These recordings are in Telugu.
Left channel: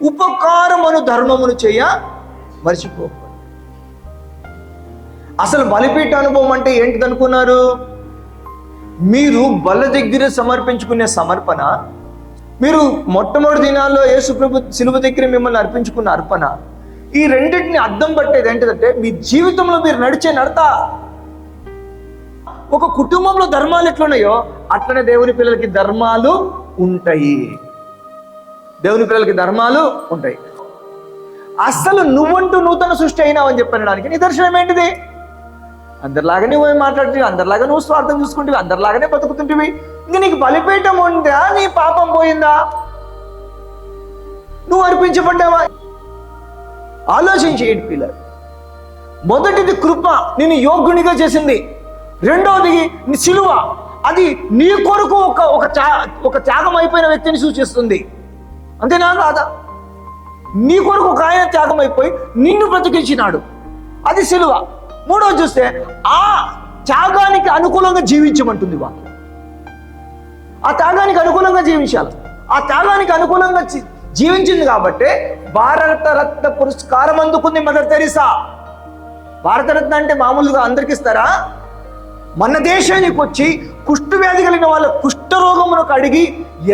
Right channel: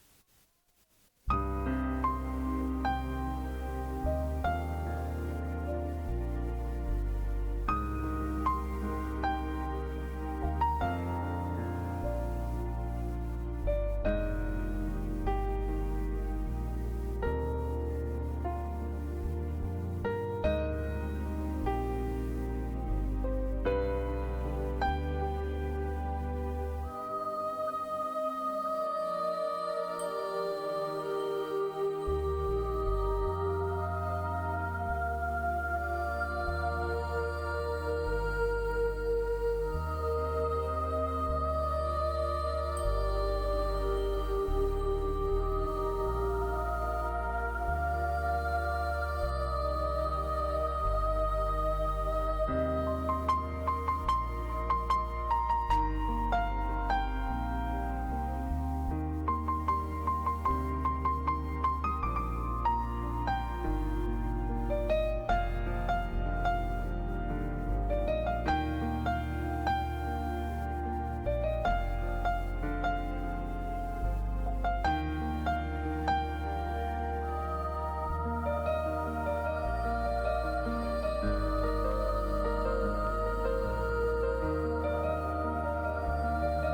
ఉపకారమును ధర్మమును చేయ మర్చిపో. అసలు బలిపీఠ అనుభవం అంటే ఏంటిది అనుకున్నారు? మీరు బల్ల దగ్గర సమర్పించుకునే సమర్పణ, మీరు మొట్టమొదటి దినాల్లో యేసుప్రభు శిలువ దగ్గర మిమ్మల్ని అర్పించుకున్న అర్పణ, ఈ రెండింటిని అర్థం పట్టేది ఏంటిదంటే మీ జీవితంలో మీరు నడిచే నడత. ఒక కుటుంబంలో ధర్మాలు ఎట్లున్నాయో అట్లనే దేవుని పిల్లలకి ధర్మాలు ఉంటాయి. దేవుని పిల్లలకి ధర్మాలు ఉంటాయి. అసలు నువ్వంటూ నూతన సృష్టి అయినావు అని చెప్పడానికి నిదర్శనం ఏంటిది? అందరిలాగానే నువ్వు మాట్లాడుతుంది, అందరిలాగా నువ్వు స్వార్థం చూసుకుంటువి, అందరిలాగానే బతుకుతుంటివి. ఇంకా నీకు బలిపీఠం ఉందా? నీ పాపం పోయిందా? నువ్వు అర్పించబడ్డావా? ఆలోచించేయండి పిల్లలు. మొదటిది కృప నిన్ను యోగ్యునిగా చేసింది. రెండవది నీ సిలువ, అది నీ కొరకు ఒక త్యాగం అయిపోయిన వ్యక్తిని సూచిస్తుంది. అంతేనా కాదా? నీ కొరకు ఒక ఆయన త్యాగం అయిపోయి నిన్ను బ్రతికించినాడు, అది సిలువ. మూడవది చూస్తే ఆ త్యాగానికి అనుకూలంగా జీవించమంటుంది వాళ్ళు. ఆ త్యాగానికి అనుకూలంగా జీవించాలి. ఆ త్యాగానికి అనుకూలంగా జీవించింది కాబట్టి భారతరత్న పురస్కారం అందుకుంది మదర్ తెరీసా. భారతరత్న అంటే మామూలుగా అందరికి ఇస్తారా? మన దేశానికి వచ్చి కుష్ఠవ్యాధి కలిగిన వాళ్ళ కుష్ఠరోగమును అడిగి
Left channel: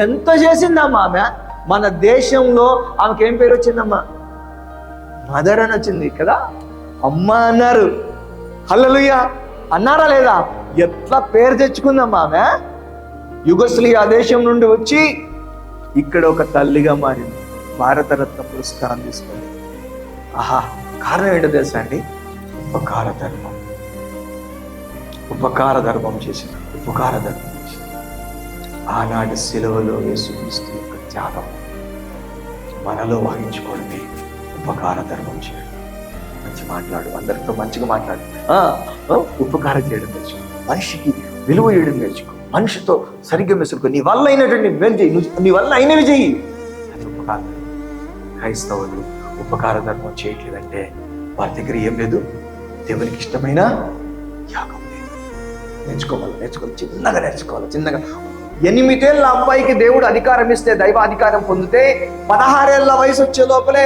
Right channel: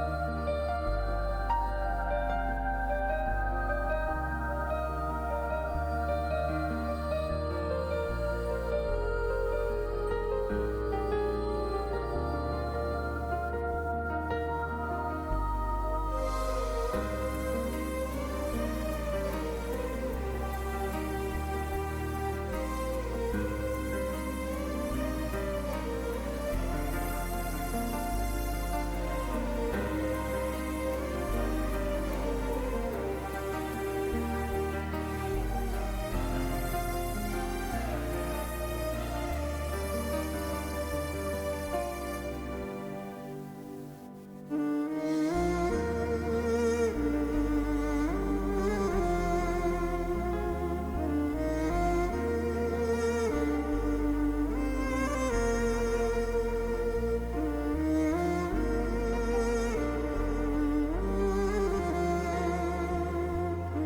ఎంత చేసిందమ్మా ఆమె. మన దేశంలో ఆమెకి ఏం పేరు వచ్చిందమ్మా? మదర్ అని వచ్చింది కదా. అమ్మ అన్నారు. హల్లెలూయా అన్నారా లేదా? ఎట్లా పేరు తెచ్చుకుందమ్మా ఆమె. యుగోస్లావియా దేశం నుండి వచ్చి ఇక్కడ ఒక తల్లిగా మారింది. భారతరత్న పురస్కారం తీసుకుంది. ఆహా, కారణం ఏంటో తెలుసా అండి? ఉపకార ధర్మం. ఉపకార ధర్మం చేసింది. ఉపకార ధర్మం చేసింది. ఆనాటి సిలువలో యేసుక్రీస్తు యొక్క త్యాగం మనలో వహించుకోవడమే ఉపకార ధర్మం చేయండి. మంచి మాట్లాడు, అందరితో మంచిగా మాట్లాడు, ఉపకారం చేయడం నేర్చుకో, మనిషికి విలువ చేయడం నేర్చుకో, మనిషితో సరిగ్గా మెసులుకో, నీ వల్ల అయినటువంటి మేలు చేయి, నీ వల్ల అయినవి చెయ్యి. అది ఉపకారం. క్రైస్తవులు ఉపకార ధర్మం చేయట్లేదంటే వారి దగ్గర ఏం లేదు, దేవునికి ఇష్టమైన యాగం లేదు. నేర్చుకోవాలి, చిన్నగా నేర్చుకోవాలి. చిన్నగా 8 ఏళ్ళ అబ్బాయికి దేవుడు అధికారం ఇస్తే, దైవ అధికారం పొందితే 16 ఏళ్ళ వయసు వచ్చే లోపలే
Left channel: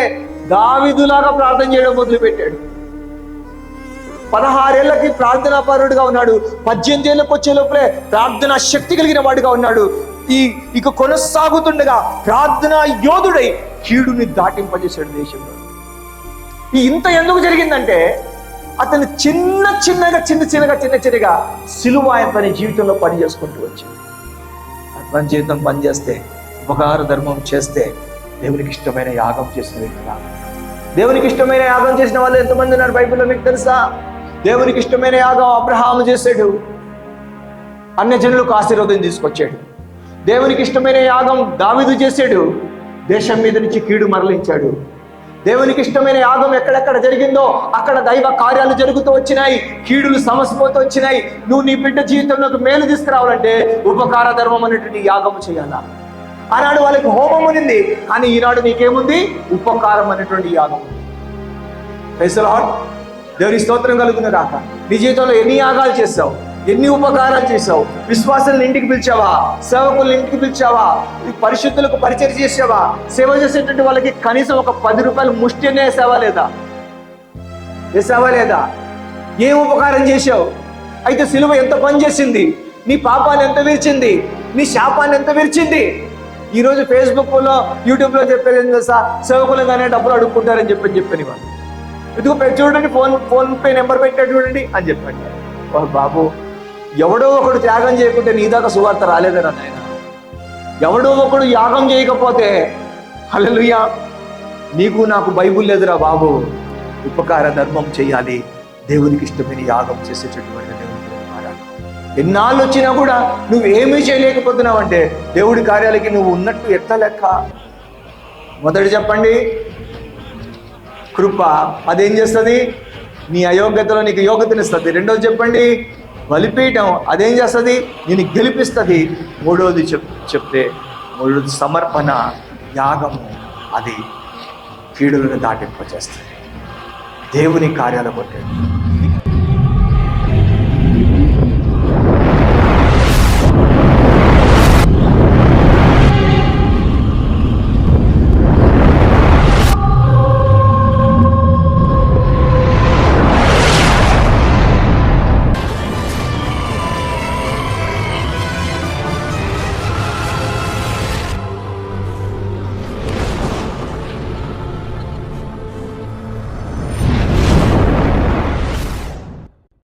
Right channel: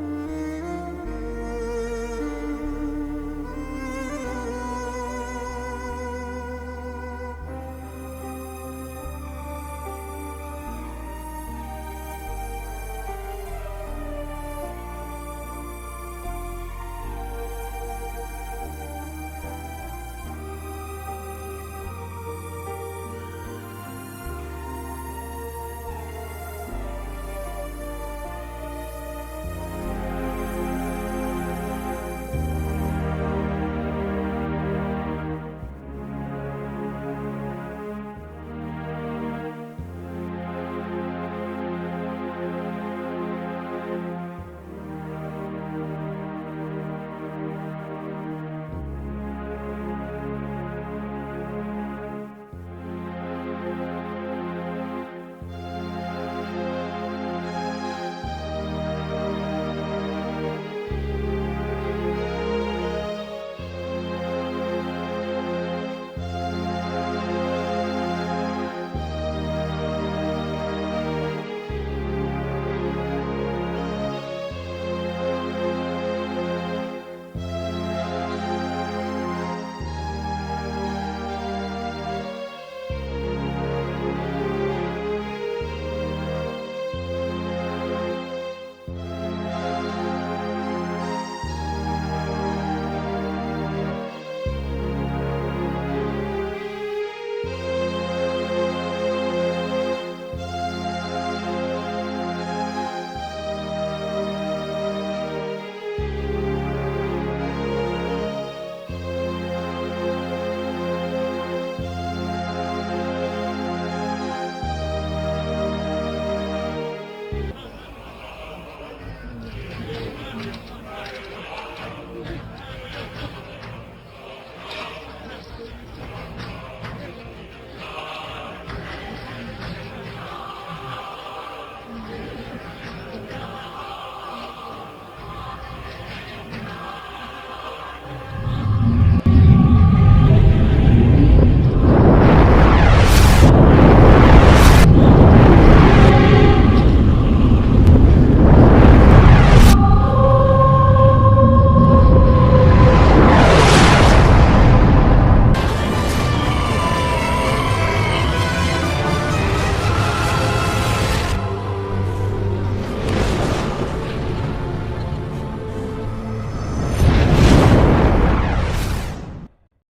దావీదులాగా ప్రార్థన చేయడం మొదలుపెట్టాడు. 16 ఏళ్ళకి ప్రార్థనా పరుడుగా ఉన్నాడు. 18 ఏళ్ళకి వచ్చే లోపలే ప్రార్థనా శక్తి కలిగిన వాడిగా ఉన్నాడు. ఇక కొనసాగుతుండగా ప్రార్థనా యోధుడై కీడుని దాటింపజేశాడు దేశంలో. ఇంత ఎందుకు జరిగిందంటే అతను చిన్నగా సిలువ తన జీవితంలో పని చేసుకుంటూ వచ్చింది. మన జీవితం పనిచేస్తే, ఉపకార ధర్మం చేస్తే దేవునికి ఇష్టమైన యాగం చేసిన దేవునికి ఇష్టమైన యాగం చేసిన వాళ్ళు ఎంతమంది ఉన్నారు బైబిల్లో మీకు తెలుసా? దేవునికి ఇష్టమైన యాగం అబ్రహాము చేశాడు, అన్యజనులకు ఆశీర్వాదం తీసుకొచ్చాడు. దేవునికి ఇష్టమైన యాగం దావీదు చేశాడు, దేశం మీద నుంచి కీడు మరలించాడు. దేవునికి ఇష్టమైన యాగం ఎక్కడెక్కడ జరిగిందో అక్కడ దైవ కార్యాలు జరుగుతూ వచ్చినాయి, కీడులు సమసిపోతూ వచ్చినాయి. నువ్వు నీ బిడ్డ జీవితంలోకి మేలు తీసుకురావాలంటే ఉపకార ధర్మం అనేటువంటి యాగం చేయాలా. ఆనాడు వాళ్ళకి హోమం ఉంది, కానీ ఈనాడు నీకేముంది? ఉపకారం అనేటువంటి యాగం. Praise the Lord. దేవుని స్తోత్రం కలుగును గాక. నీ జీవితంలో ఎన్ని యాగాలు చేసావు, ఎన్ని ఉపకారాలు చేసావు? విశ్వాసాలను ఇంటికి పిలిచావా? సేవకులను ఇంటికి పిలిచావా? పరిశుద్ధులకు పరిచయం చేసావా? సేవ చేసేటువంటి వాళ్ళకి కనీసం ఒక 10 రూపాయలు ముష్టి వేసావా లేదా? ఏం ఉపకారం చేశావు? అయితే సిలువ ఎంత పని చేసింది? నీ పాపాన్ని ఎంత విరిచింది? నీ శాపాన్ని ఎంత విరిచింది? ఈరోజు ఫేస్బుక్లో, యూట్యూబ్లో చెప్పేది ఏం తెలుసా? సేవకులు కానీ డబ్బులు అడుక్కుంటారని చెప్పని వాళ్ళు. ఇదిగో చూడండి, ఫోన్ పే నెంబర్ పెట్టాడు చూడండి అని చెప్పండి. బాబు, ఎవడో ఒకడు త్యాగం చేయకుంటే నీ దాకా సువార్త రాలేదని అన్నాడు. ఎవడో ఒకడు యాగం చేయకపోతే హల్లెలూయా నీకు నాకు బైబుల్ లేదురా బాబు. ఉపకార ధర్మం చేయాలి, దేవునికి ఇష్టమైన యాగం చేసేటటువంటి ఎన్నాళ్ళు వచ్చినా కూడా నువ్వేమీ చేయలేకపోతున్నావు అంటే దేవుడి కార్యాలకి నువ్వు ఉన్నట్టు ఎట్లా లెక్క? మొదటి చెప్పండి కృప, అదేం చేస్తుంది? నీ అయోగ్యతలో నీకు యోగ్యతనిస్తుంది. రెండోది చెప్పండి బలిపీఠం, అదేం చేస్తుంది? నేను గెలిపిస్తుంది. మూడోది చెప్తే మూడోది సమర్పణ, యాగం, అది కీడులను దాటింపచేస్తుంది, దేవుని కార్యాల కొట్టే